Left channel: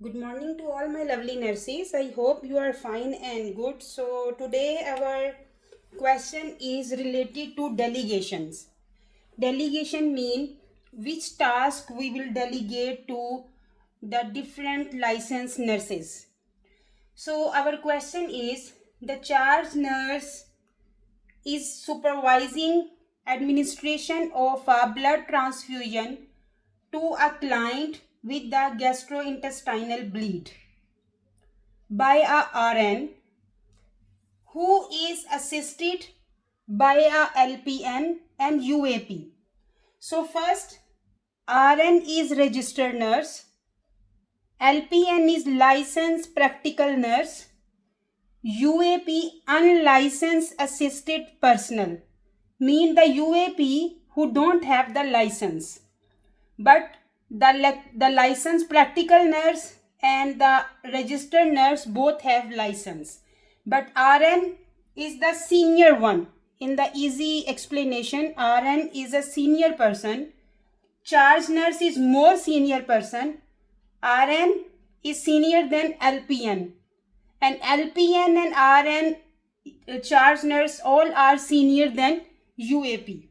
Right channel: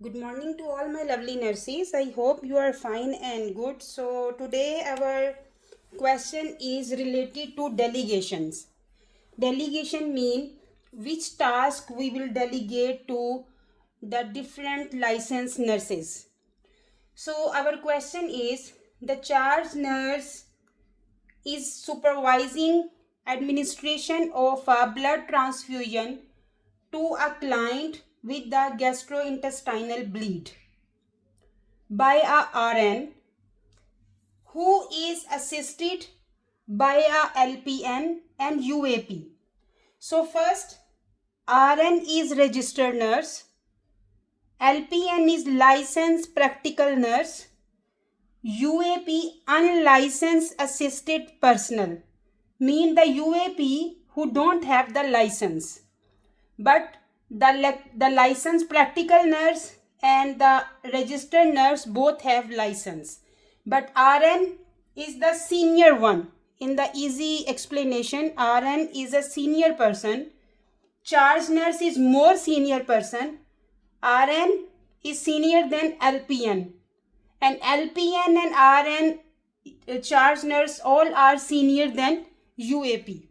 Good morning to all my lovely nurses. I hope you are fine and good. So, today our question is related to delegations. Delegation mean which task we will delegate to the different licensed nurses. So, our question is the charge nurse is supervising administration of a blood transfusion to a client with the gastrointestinal bleed by a RN who is assisted by a LPN and UAP. So first, RN is registered nurse, LPN is licensed practical nurse, UAP unlicensed assisted personnel. Mean the UAP who don't have the license. But the licensed practical nurse and the registered nurse both have license, but RN is the senior one. In the easy explanation, RN is a senior person, charge nurse is more senior person, RN is senior than LPN, and LPN and RN charge nurse all are senior than UAP.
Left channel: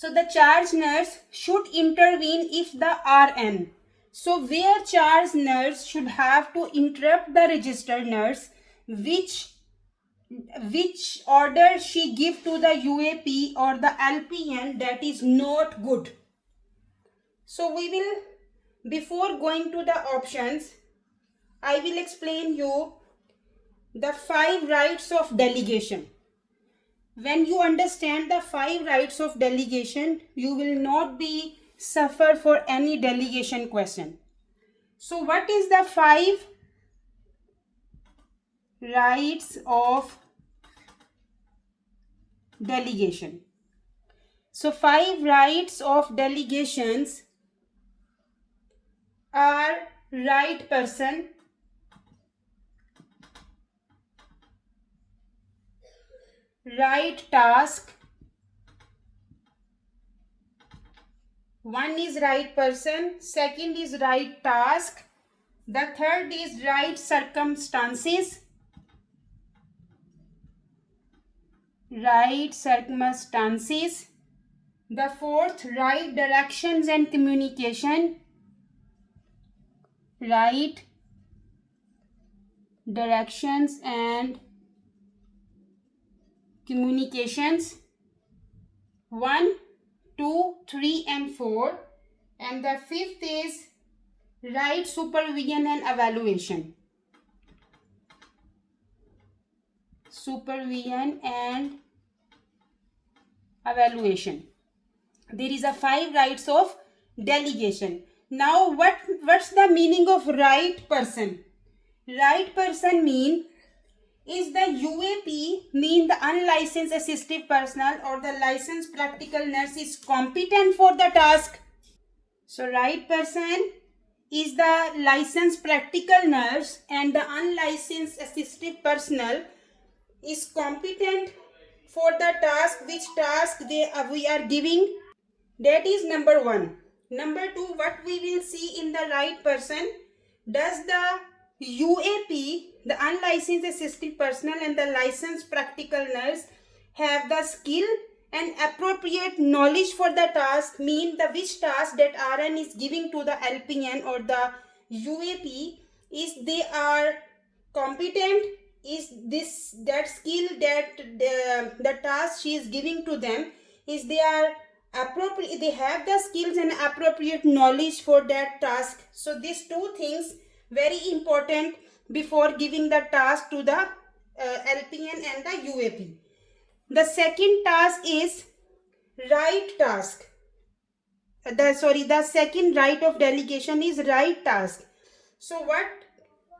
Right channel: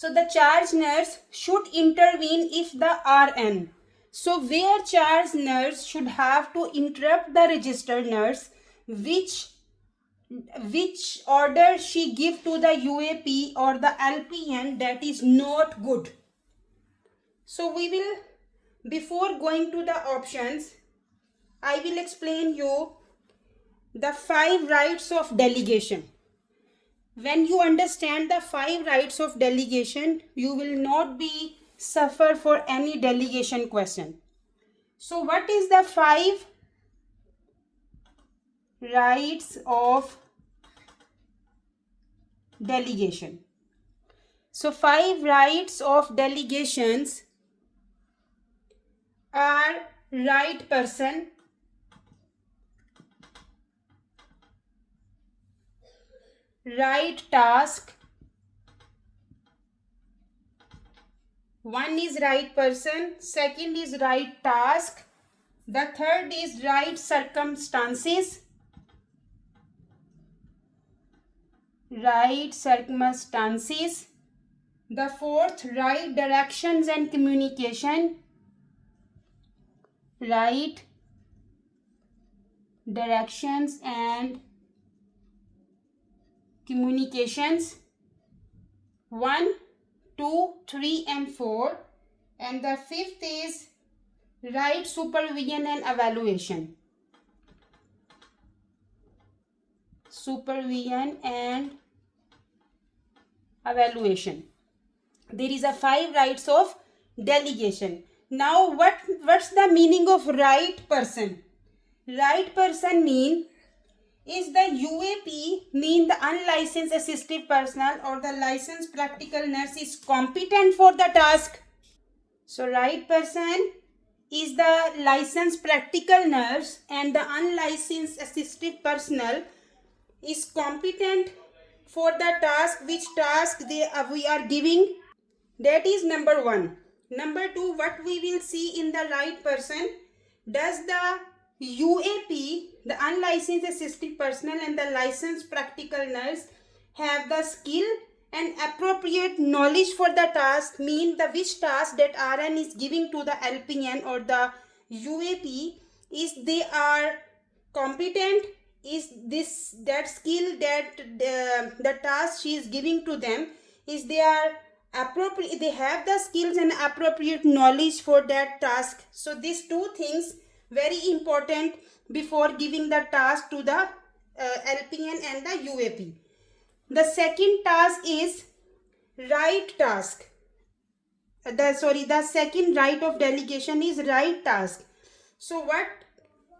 So the charge nurse should intervene if the RN. So where charge nurse should have to interrupt the registered nurse, which order she give to the UAP or the LPN, that is not good. So we will, before going to the options, I will explain you the 5 rights of delegation. When you understand the 5 rights of delegation, you will not be suffer for any delegation question. So what is the 5 rights of delegation? So 5 rights of delegations are right person, right task. One is right person, second is right task, the third is right circumstances, the fourth right directions and communication, right directions and communications, 1, 2, 3 and 4, and the fifth is right supervision and evaluation. There is a 5 rights of delegation. Now what's the meaning of right person? Right person mean is the UAP, mean the unlicensed assistive personnel or the licensed practical nurse is competent for the task. So right person is the licensed practical nurse and the unlicensed assistive personnel is competent for the task, which task we are giving. That is number 1. Number 2, what we will see in the right person, does the UAP, the unlicensed assistive personnel and the licensed practical nurse have the skill and appropriate knowledge for the task, mean the which task that RN is giving to the LPN or the UAP, is they are competent, is this that skill that the task she is giving to them, is they are appropriate, they have the skills and appropriate knowledge for that task. So these two things very important before giving the task to the LPN and the UAP. The second task is right task. The second right of delegation is right task. So what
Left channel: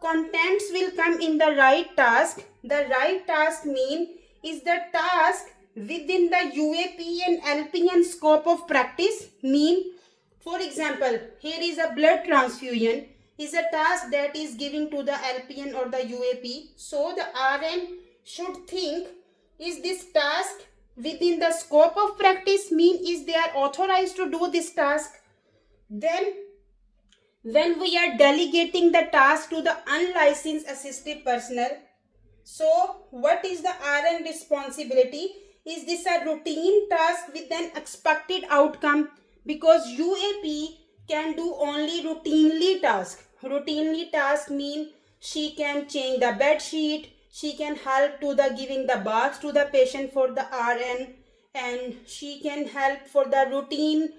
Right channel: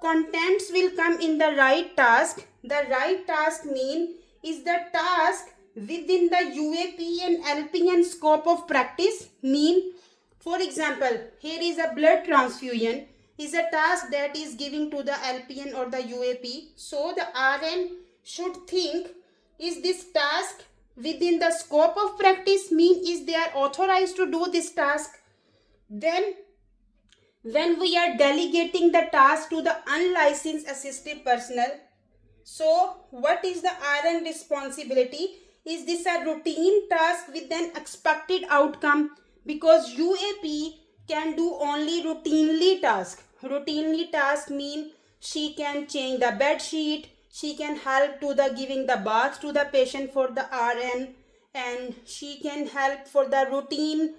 contents will come in the right task? The right task mean is the task within the UAP and LPN scope of practice. Mean, for example, here is a blood transfusion is a task that is giving to the LPN or the UAP. So the RN should think, is this task within the scope of practice, mean is they are authorized to do this task. Then when we are delegating the task to the unlicensed assistive personnel, so what is the RN responsibility? Is this a routine task with an expected outcome? Because UAP can do only routinely task. Routinely task mean she can change the bed sheet, she can help to the giving the bath to the patient for the RN, and she can help for the routine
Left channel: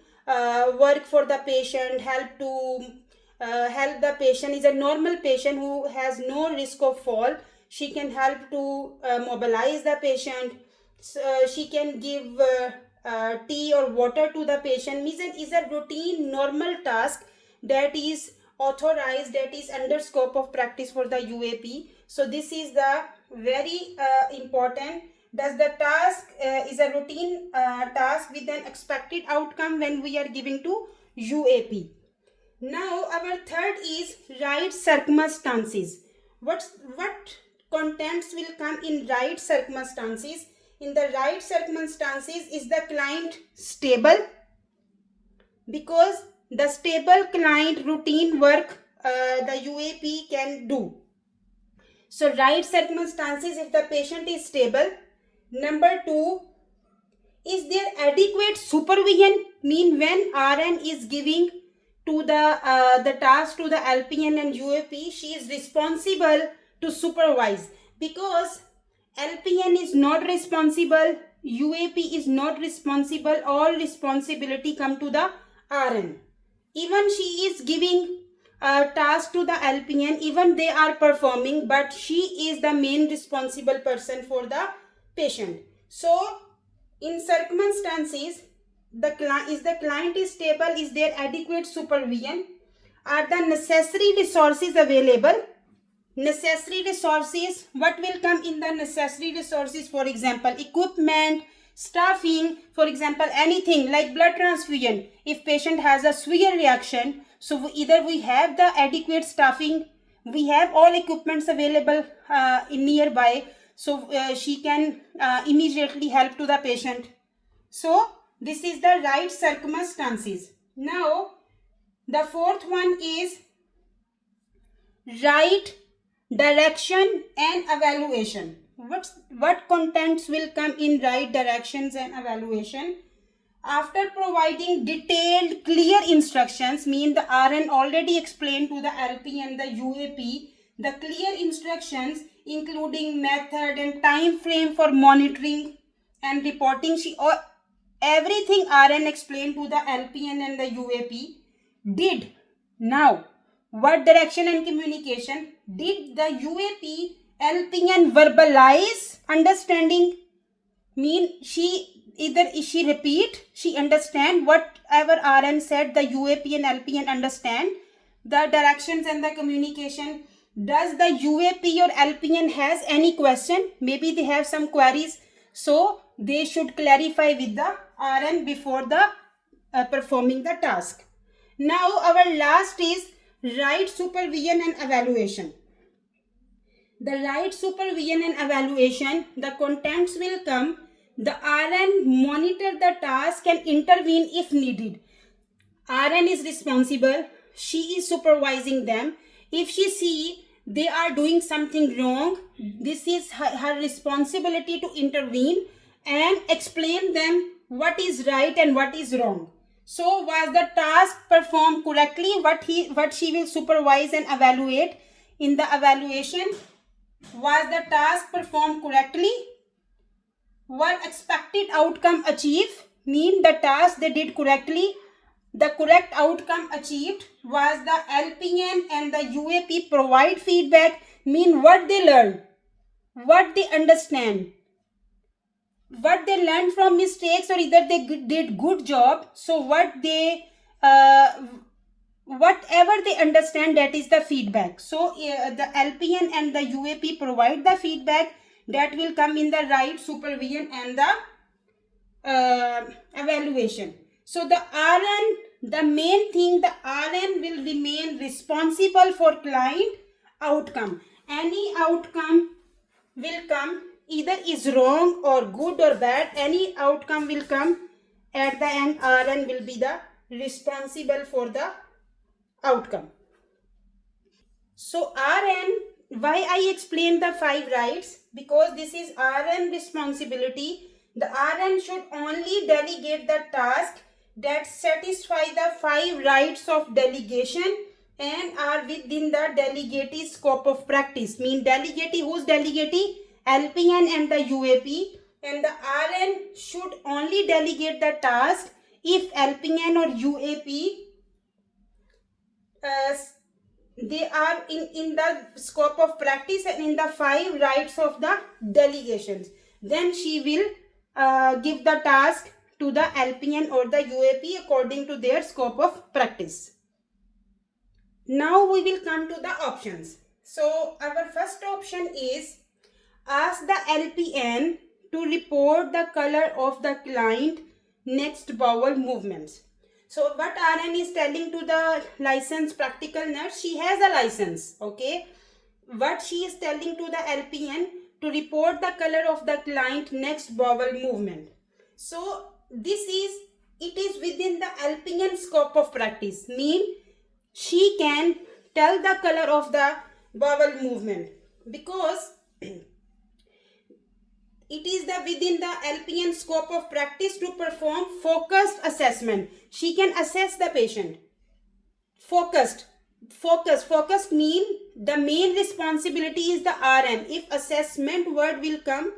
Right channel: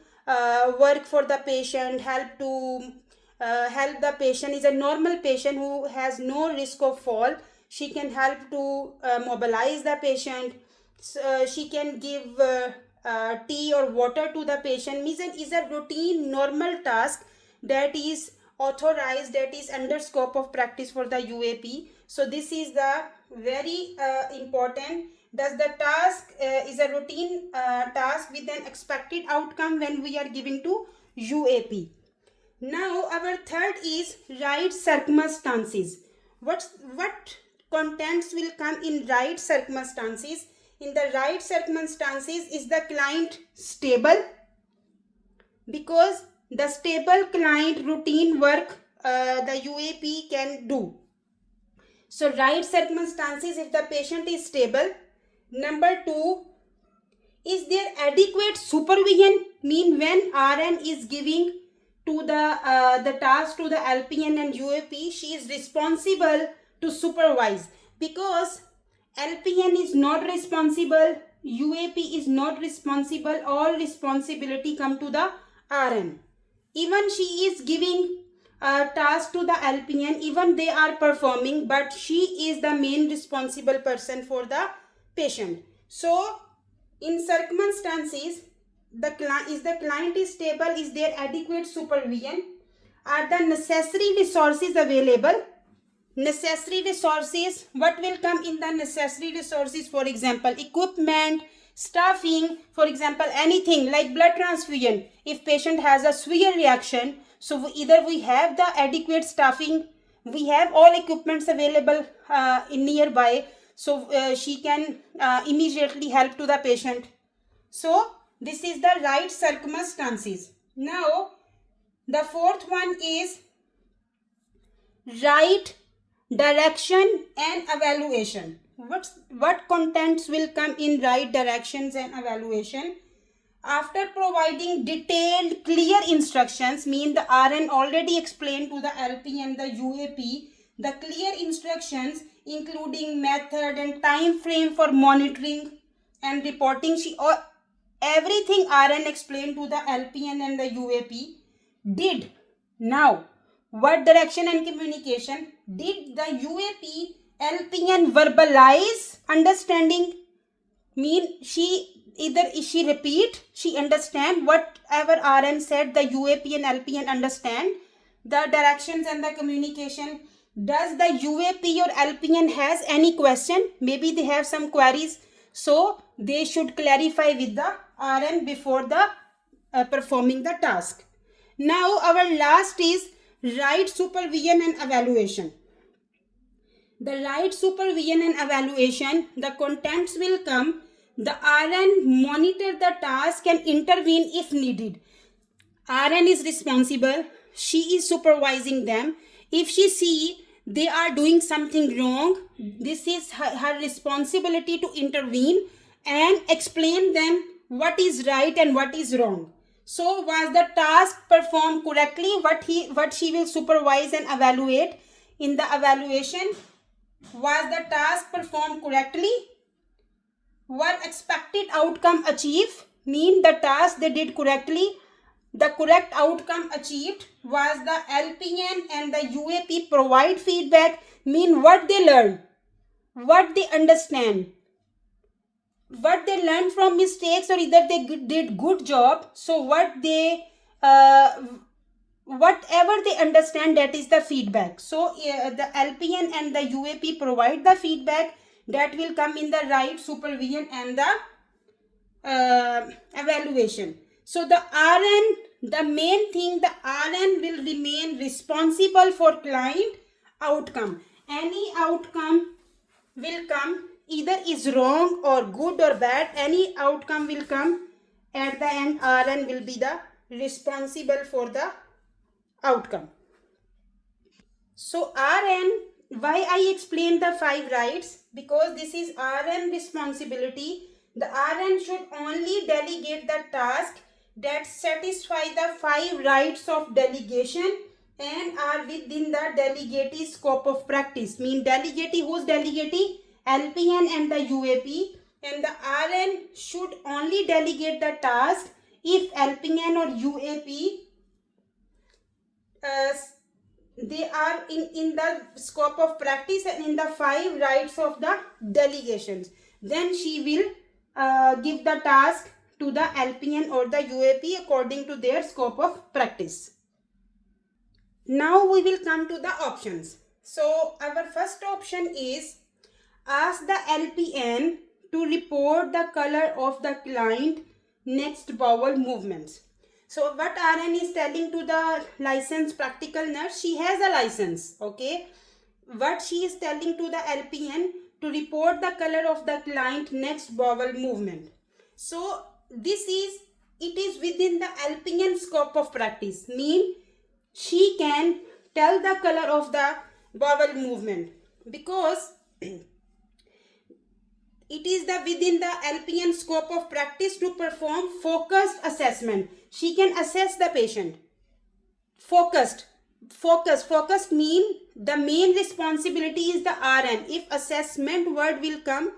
work for the patient, help the patient is a normal patient who has no risk of fall. She can help to mobilize the patient. She can give tea or water to the patient. Means it is a routine normal task that is authorized, that is under scope of practice for the UAP. So this is the very important. Does the task is a routine task with an expected outcome when we are giving to UAP. Now our third is right circumstances. What contents will come in right circumstances? In the right circumstances, is the client stable? Because the stable client routine work the UAP can do. So right circumstances, if the patient is stable. Number two, is there adequate supervision? Mean when RN is giving to the task to the LPN and UAP, she is responsible to supervise. Because LPN is not responsible, UAP is not responsible, all responsibility come to the RN. Even she is giving a task to the LPN, even they are performing, but she is the main responsible person for the patient. So in circumstances, the client is stable, is there adequate supervision, are the necessary resources available? Necessary resources, what will come in the necessary resources? For example, equipment, staffing, for example anything like blood transfusion. If patient has a severe reaction, so either we have the adequate staffing, we have all equipments available in nearby, so she can immediately help to the patient. So this is the right circumstances. Now the fourth one is right direction and evaluation. What contents will come in right directions and evaluation? After providing detailed clear instructions, mean the RN already explained to the LP and the UAP the clear instructions including method and time frame for monitoring and reporting. Everything RN explained to the LPN and the UAP did. Now what direction and communication? Did the UAP LPN verbalize understanding? Mean she repeat, she understand whatever RN said, the UAP and LPN understand the directions and the communication. Does the UAP or LPN has any question? Maybe they have some queries, so they should clarify with the RN before the performing the task. Now our last is right supervision and evaluation. The right supervision and evaluation, the contents will come. The RN monitor the task and intervene if needed. RN is responsible, she is supervising them. If she see they are doing something wrong, this is her responsibility to intervene and explain them what is right and what is wrong. So was the task performed correctly? What she will supervise and evaluate in the evaluation? Was the task performed correctly? Was expected outcome achieved? Mean the task they did correctly. The correct outcome achieved. Was the LPN and the UAP provide feedback? Mean what they learned, what they understand, what they learned from mistakes, or either they did good job. So whatever they understand, that is the feedback. So the LPN and the UAP provide the feedback that will come in the right supervision and the evaluation. So the RN, the main thing, the RN will remain responsible for client outcome. Any outcome will come, either is wrong or good or bad, any outcome will come, at the end RN will be the responsible for the outcome. So RN, why I explained the 5 rights? Because this is RN responsibility. The RN should only delegate the task that satisfy the 5 rights of delegation and are within the delegatee scope of practice. Mean delegatee, who's delegatee? LPN and the UAP. And the RN should only delegate the task if LPN or UAP they are in the scope of practice and in the 5 rights of the delegations. Then she will give the task to the LPN or the UAP according to their scope of practice. Now we will come to the options. So our first option is ask the LPN to report the color of the client next bowel movements. So what RN is telling to the licensed practical nurse, she has a license, okay? What she is telling to the LPN to report the color of the client next bowel movement. So it is within the LPN scope of practice. Mean she can tell the color of the bowel movement because it is within the LPN scope of practice to perform focused assessment. She can assess the patient. Focused mean the main responsibility is the RN. If assessment word will come,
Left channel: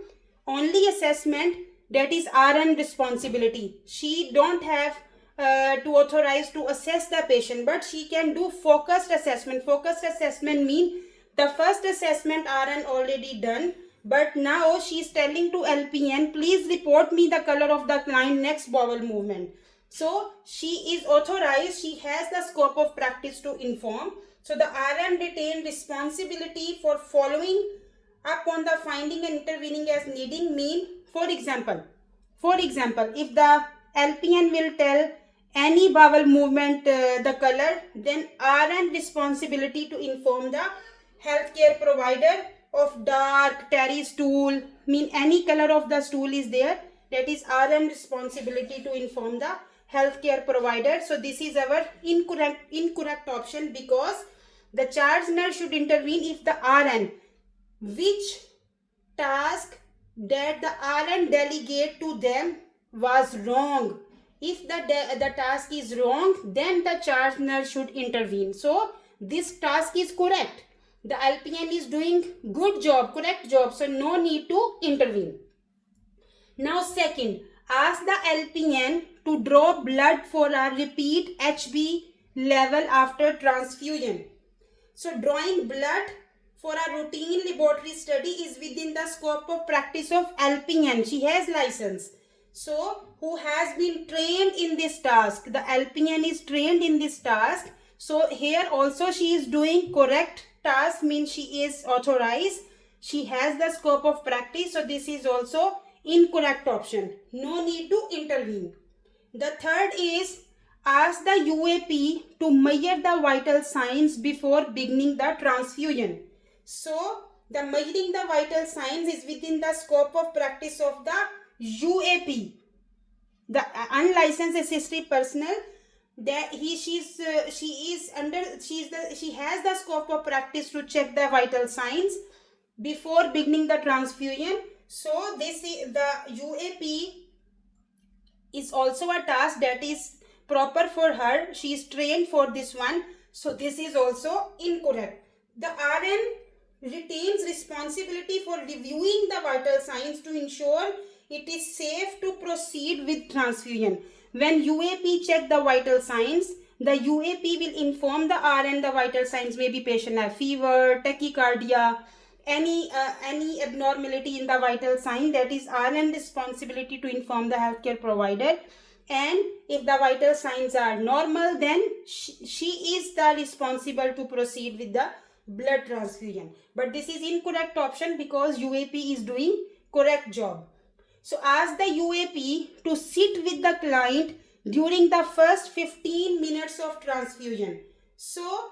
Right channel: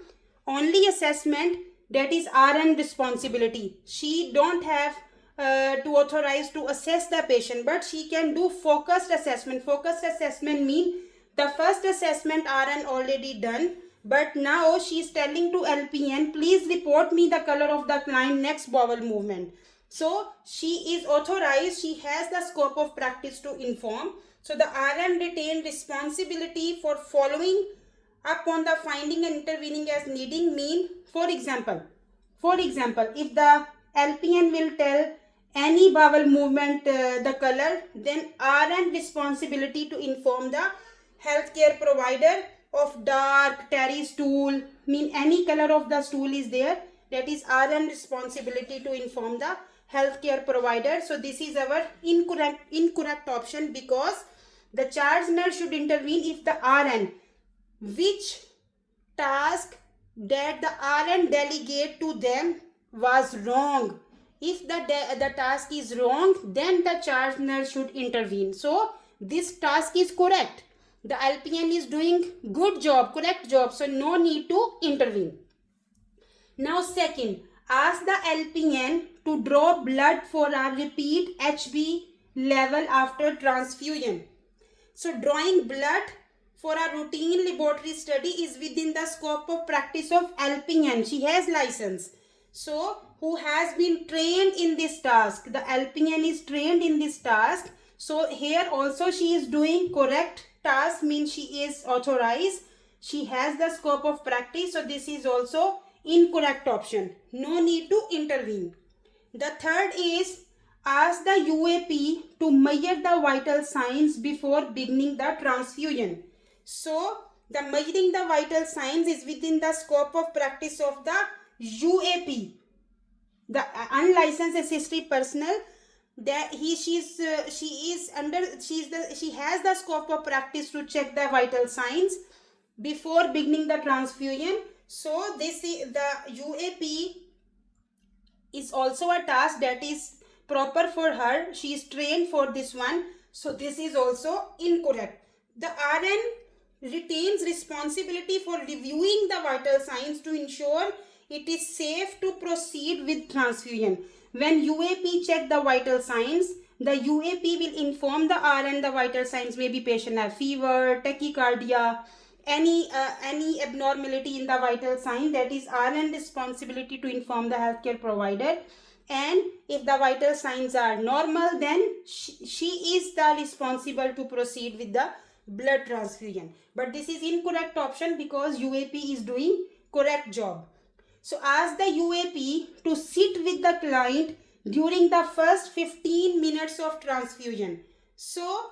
only assessment, that is RN responsibility. She don't have to authorize to assess the patient, but she can do focused assessment. Focused assessment mean the first assessment RN already done, but now she is telling to LPN, please report me the color of the client next bowel movement. So she is authorized, she has the scope of practice to inform. So the RN retain responsibility for following up on the finding and intervening as needing. Mean, for example, if the LPN will tell any bowel movement the color, then RN responsibility to inform the healthcare provider of dark, terry stool, mean any color of the stool is there, that is RN responsibility to inform the healthcare provider. So this is our incorrect option, because the charge nurse should intervene if the RN, which task that the RN delegate to them was wrong. If the task is wrong, then the charge nurse should intervene. So this task is correct. The LPN is doing good job, correct job. So no need to intervene. Now second, ask the LPN to draw blood for a repeat HB level after transfusion. So drawing blood for a routine laboratory study is within the scope of practice of LPN. She has license. So who has been trained in this task. The LPN is trained in this task. So here also she is doing correct task, means she is authorized. She has the scope of practice. So this is also incorrect option. No need to intervene. The third is ask the UAP to measure the vital signs before beginning the transfusion. So the measuring the vital signs is within the scope of practice of the UAP, the unlicensed assistive personnel. That she has the scope of practice to check the vital signs before beginning the transfusion. So this is the UAP is also a task that is proper for her. She is trained for this one. So this is also incorrect. The RN retains responsibility for reviewing the vital signs to ensure it is safe to proceed with transfusion. When UAP check the vital signs, the UAP will inform the RN the vital signs. Maybe patient have fever, tachycardia, any abnormality in the vital sign. That is RN responsibility to inform the healthcare provider. And if the vital signs are normal, then she is the responsible to proceed with the blood transfusion. But this is incorrect option, because UAP is doing correct job. So ask the UAP to sit with the client during the first 15 minutes of transfusion. So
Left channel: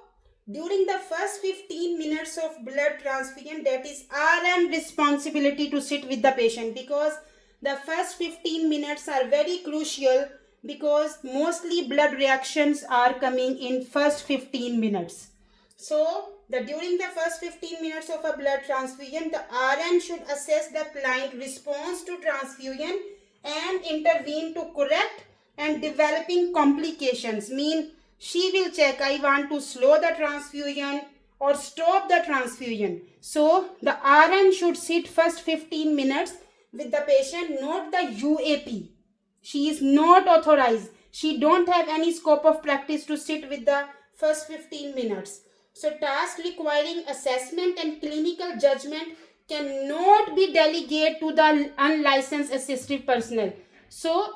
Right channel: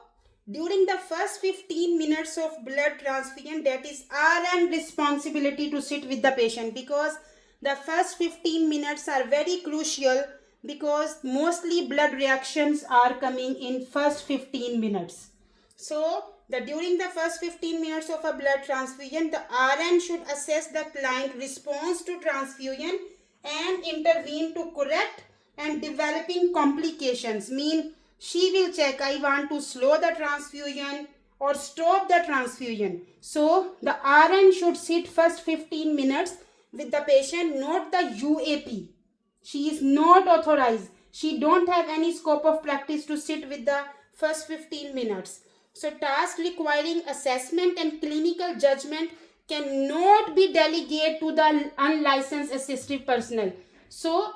during the first 15 minutes of blood transfusion, that is RN responsibility to sit with the patient, because the first 15 minutes are very crucial because mostly blood reactions are coming in first 15 minutes. So during the first 15 minutes of a blood transfusion, the RN should assess the client response to transfusion and intervene to correct and developing complications. Mean she will check, I want to slow the transfusion or stop the transfusion. So the RN should sit first 15 minutes with the patient, not the UAP. She is not authorized. She don't have any scope of practice to sit with the first 15 minutes. So task requiring assessment and clinical judgment cannot be delegated to the unlicensed assistive personnel. So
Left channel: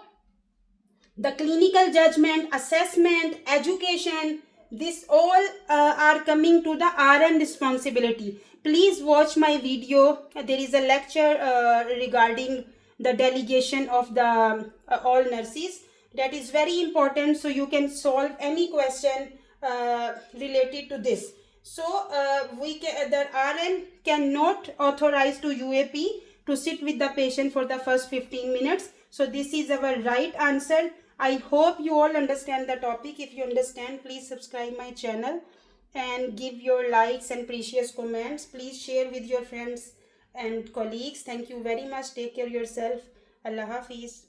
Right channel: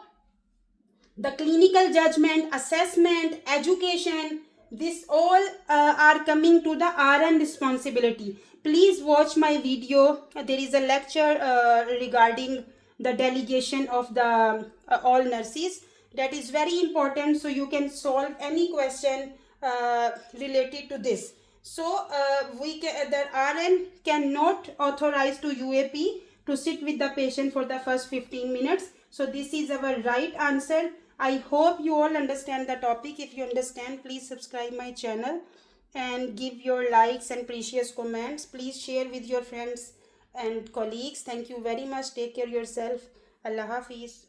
the clinical judgment, assessment, education, this all are coming to the RN responsibility. Please watch my video. There is a lecture regarding the delegation of the all nurses. That is very important, so you can solve any question related to this. So the RN cannot authorize to UAP to sit with the patient for the first 15 minutes. So this is our right answer. I hope you all understand the topic. If you understand, please subscribe my channel and give your likes and precious comments. Please share with your friends and colleagues. Thank you very much. Take care of yourself. Allah Hafiz.